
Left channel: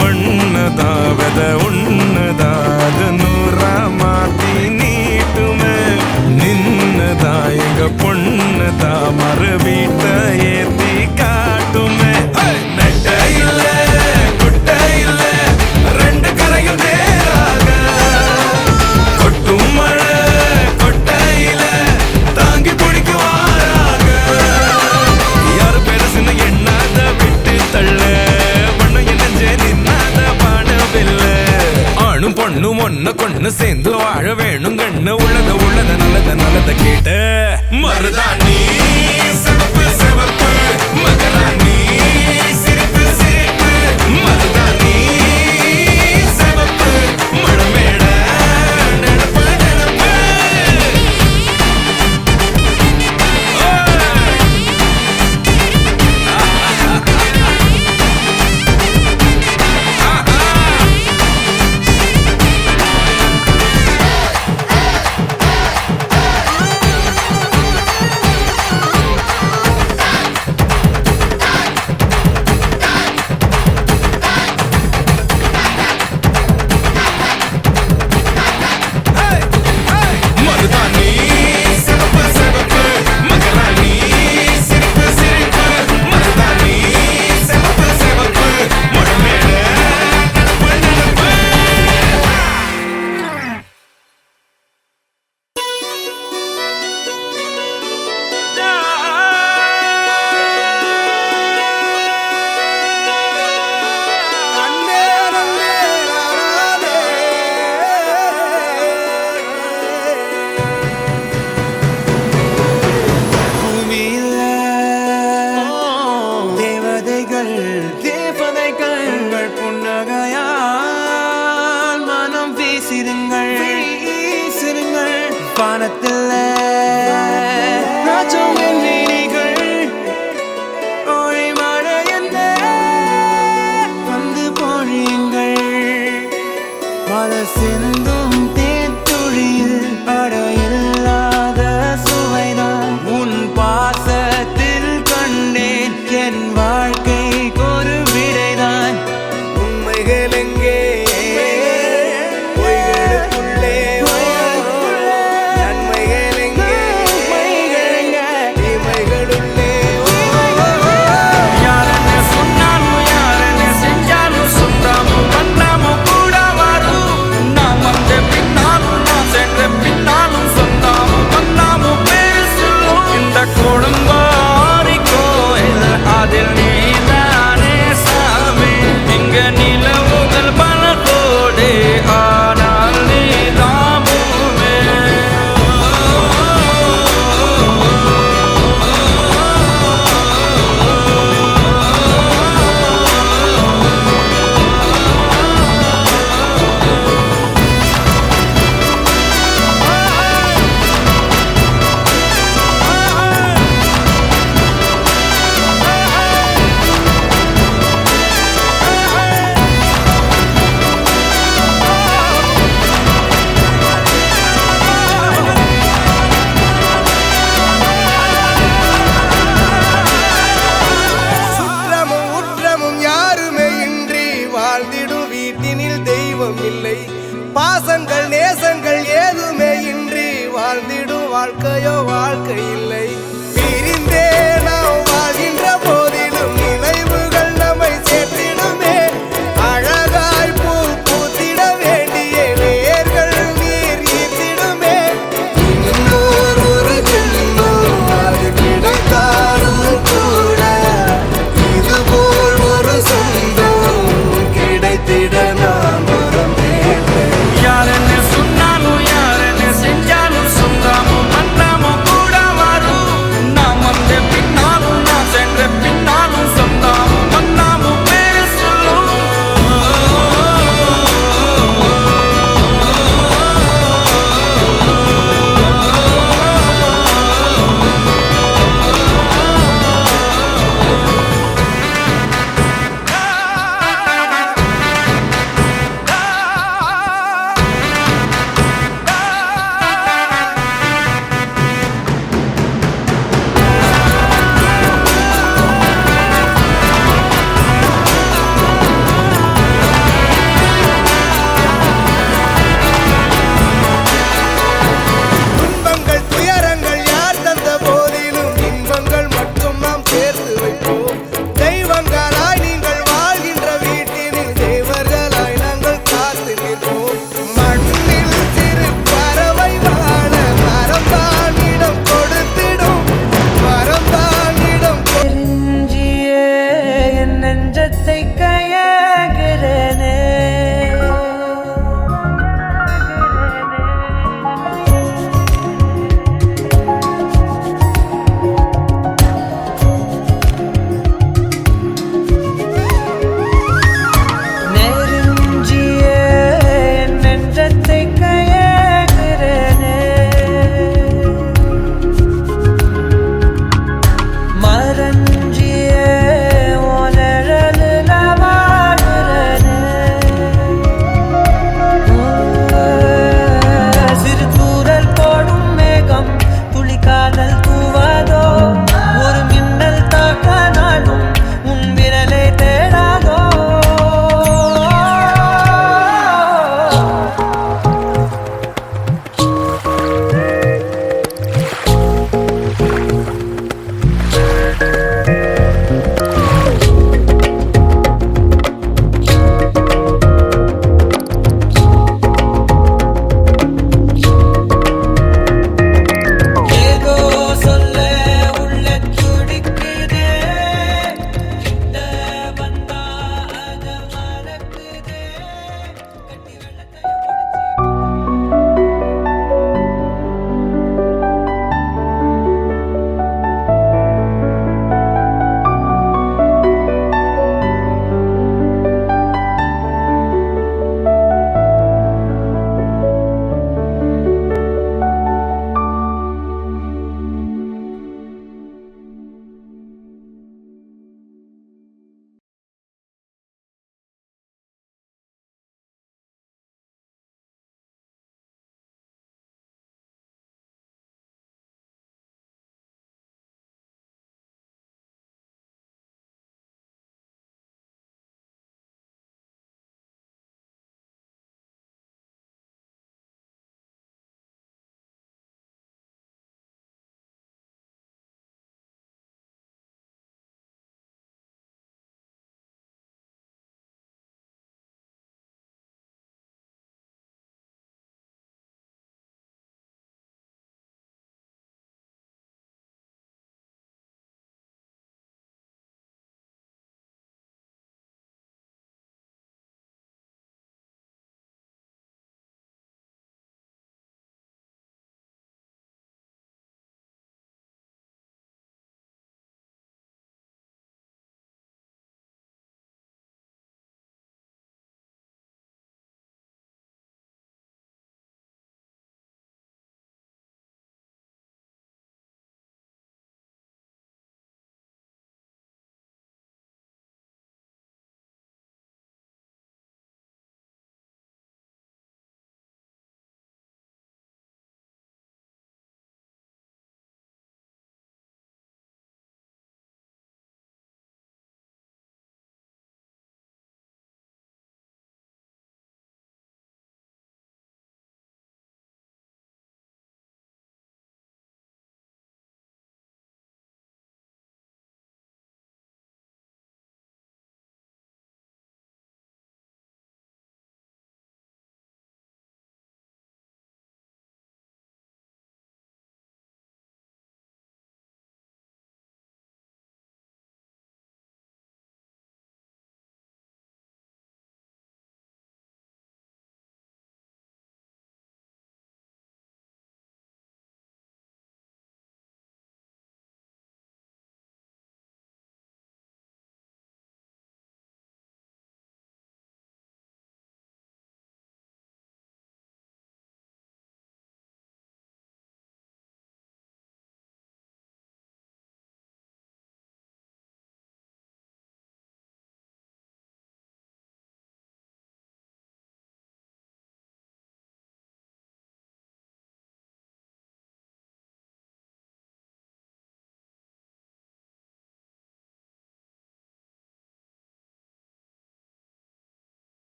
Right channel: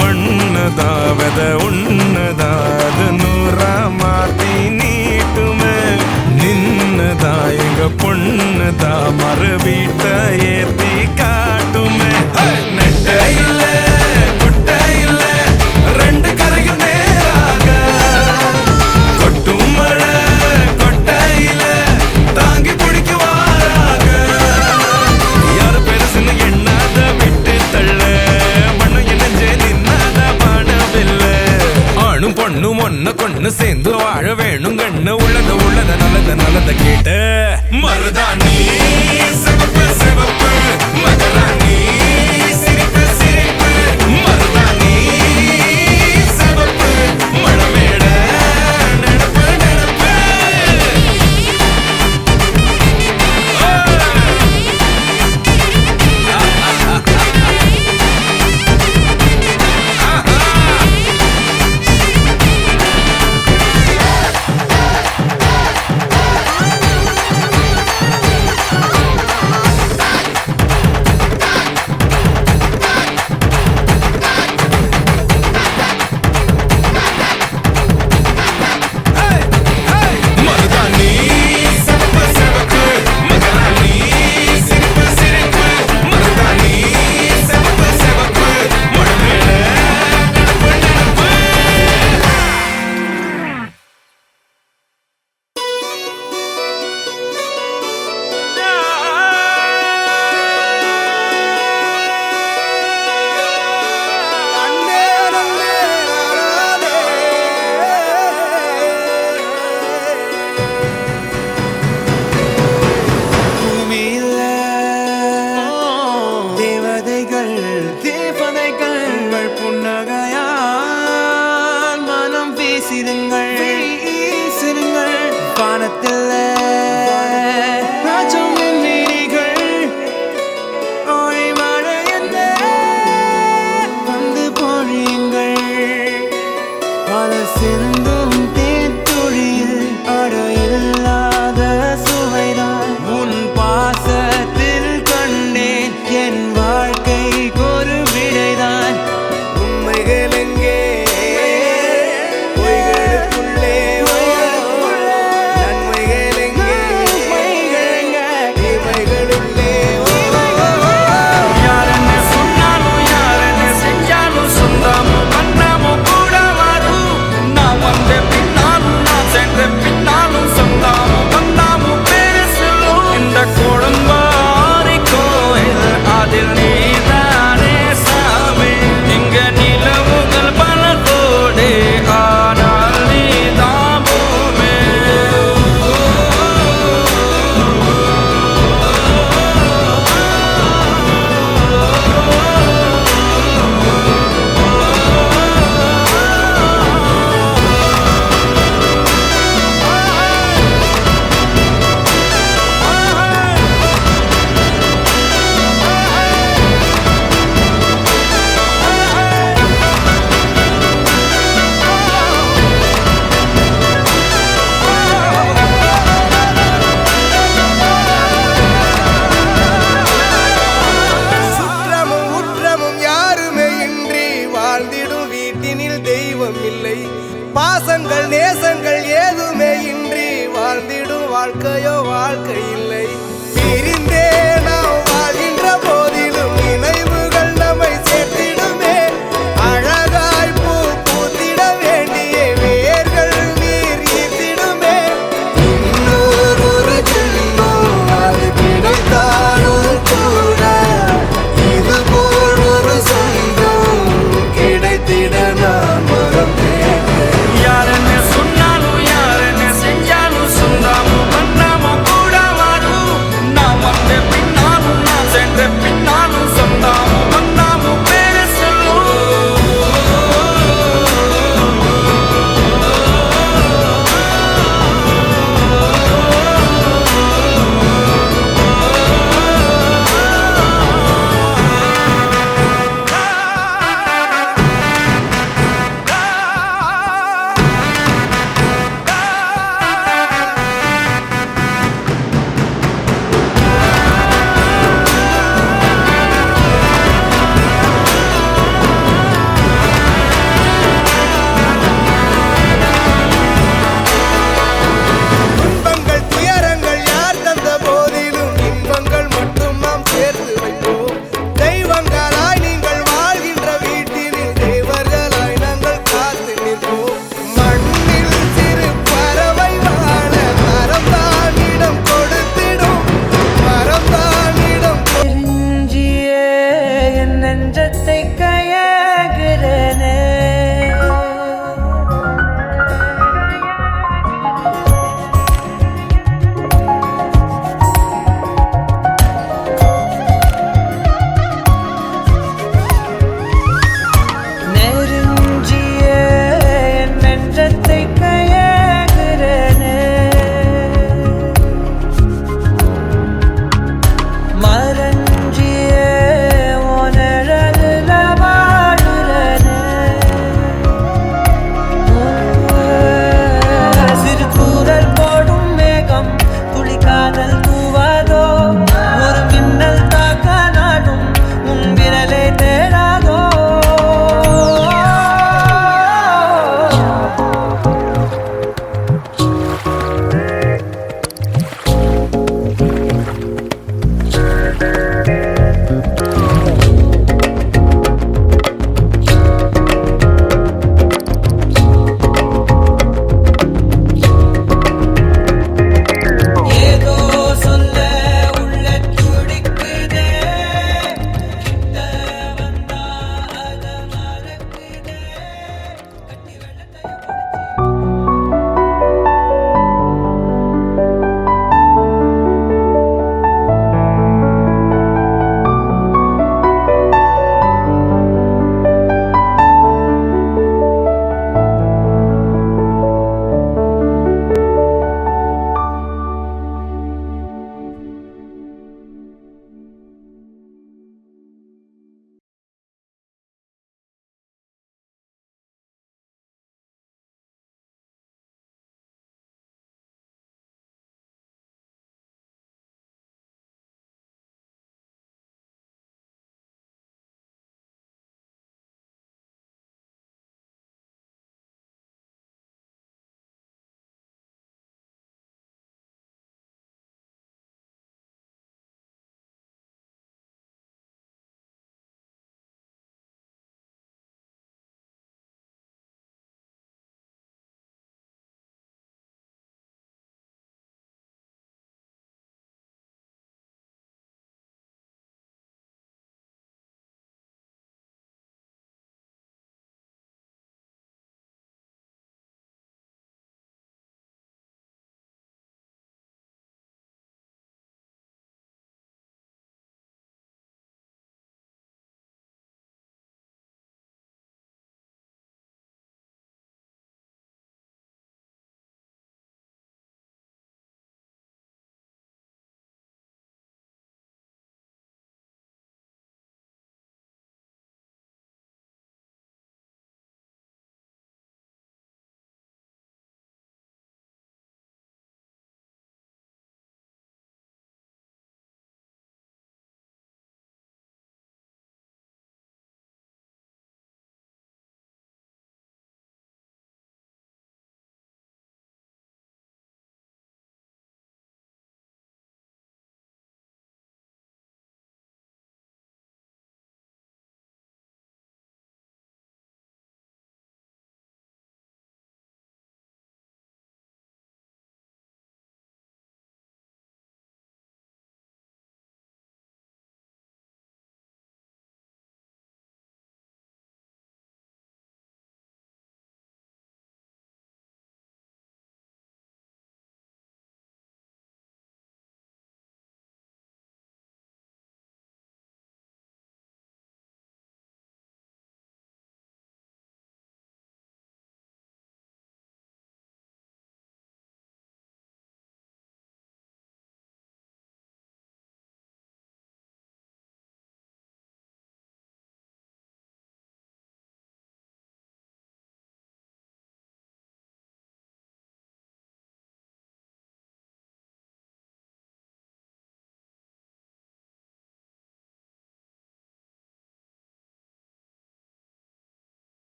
மண்ணதாவத உன்னதாது நூறா மாத்தி நீட்டுமே. நின்னதா எங்க பொண்ணுதா மறு வீட்ட ஏத்தி காட்டுமே. நெட்ட இல்ல குட்ட இல்ல ரெண்டு கரையும் நேராக, கொட்டும் மழை கொட்டையில தாங்கி பிடிக்குவாராக. யாரு பெருசுன்னு எண்ணாத விட்டு தள்ள, மண்ணு என்னஞ்சே நின்னாத வானவில்ல. ஆணும் பொண்ணும் ஒன்ன கொண்டு சேர்ந்து வாழ வேணும் கண்ணு. உள்ளத உள்ளத நல்லத நல்லத கேட்டு மருதாணி செவப்பு செவப்பு. கடம்பாரி கோயில் அதில் நீதானே சாமி இங்க நிலவுகள் பல கோடி ஆனால் நீதான் பூமி சுற்றமும் உற்றமும் யாருமே இன்றி வாழ்ந்திடும் வீட்டினில் தெய்வம் இல்லை பாசங்கள் நேசங்கள் ஏதுமே இன்றி வாழ்ந்திடும் வாழ்க்கையோ வாழ்க்கை இல்லை பிரிந்தே நாம் வாழ்கின்ற போதிலும் நினைவுகள் நம்மை சேர்த்திடுமே அழகாய் பூ பூத்திட வேண்டிய வேர்கள் நீர் ஈர்த்திடுமே இன்னொரு ஜென்மம் அது கிடைத்தாலும் கூட இதுபோல் ஒரு சொந்தம் கிடைத்திட நான் வரம் கேட்டேன் யார் என்ன சொன்னாலும் யார் என்ன செஞ்சாலும் சொந்தாமோ பண்ணாமோ கூட வரும்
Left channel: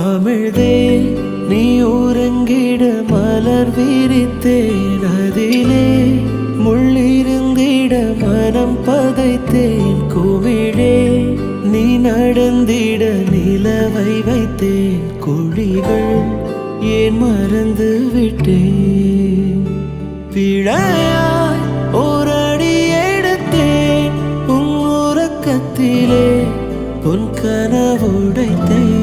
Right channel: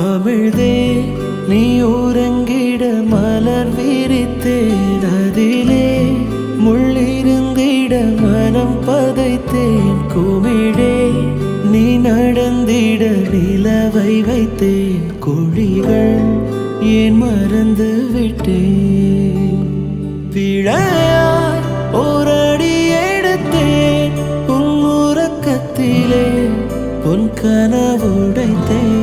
அமிழ்தே நீ உறங்கிட மலர் விரித்தேன் அதிலே முள்ளிருந்திட மனம் பதைத்தேன் குமிழே நீ நடந்திட நிலவை வைத்தேன் குழிகள் ஏன் மறந்து விட்டேன் பிழையாய் ஓரடி எடுத்தேன் உன் உறக்கத்திலே உன் கனவுடைத்தேன்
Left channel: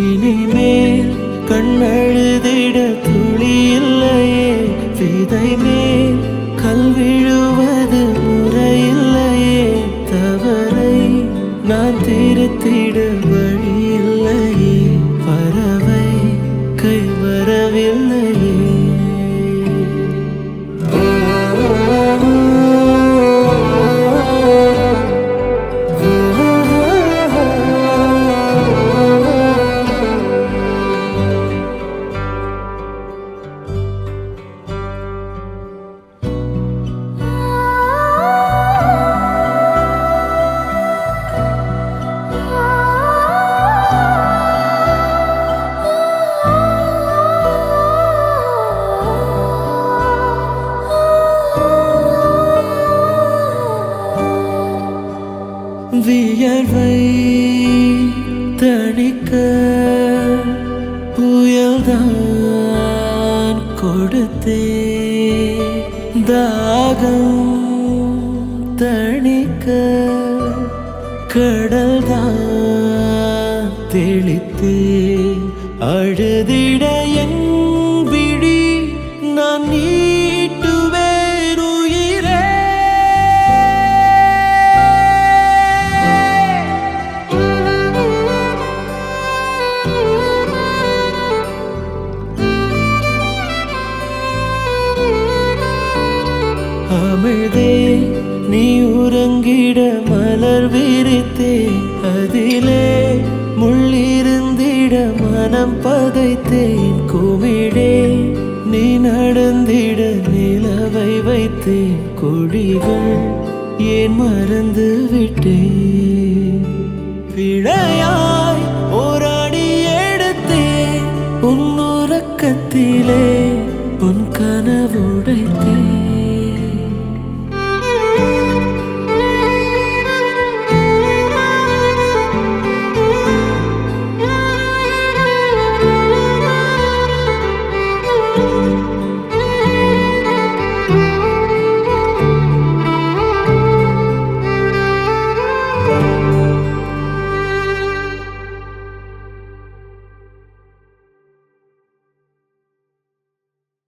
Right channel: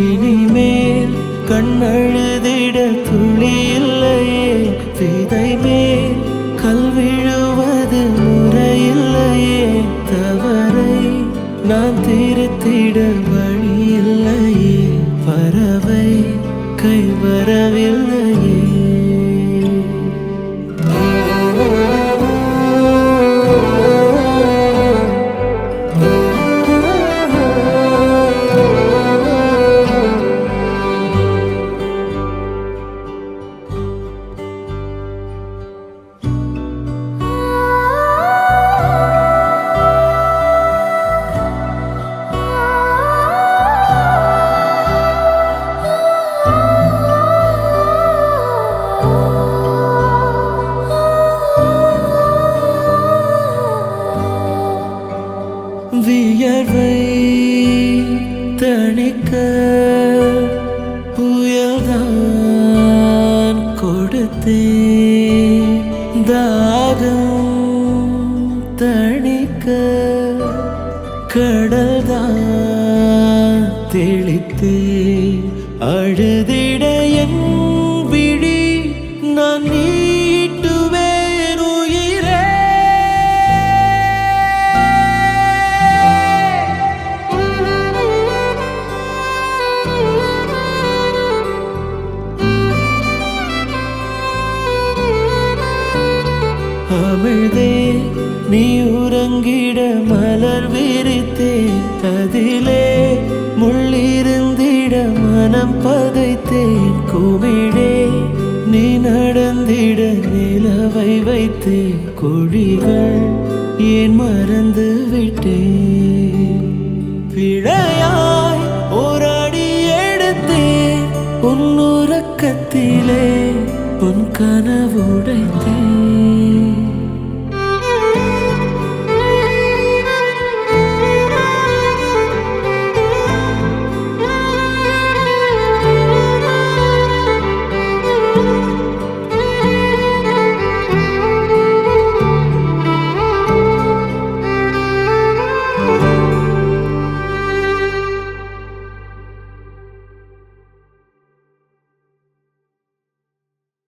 இனிமேல் கண்ணழுதிட துளி இல்லையே விதை மேல் கல் விழுவது முறையில்லையே தவறை நான் திருத்திட வழி இல்லையே பறவை கை வரவில்லையே வியர்வை தணிக்க புயல்தான் கொடுத்தேன் தாகம் தணிக்க கடல்தான் தெளித்தேன் அழுதிட என் விழி நான் நீட்டுவேன் உயிரே அமிழ்தே நீ உறங்கிட மலர் விரித்தேன் அதிலே முள்ளிருந்திட மனம் பதைத்தேன் குமிழே நீ நடந்திட நிலவை வைத்தேன் குழிகள் ஏன் மறந்து விட்டேன் பிழையாய் ஓராடி எடுத்தேன் உன் உறக்கத்திலே உன் கனவுடைத்தேன்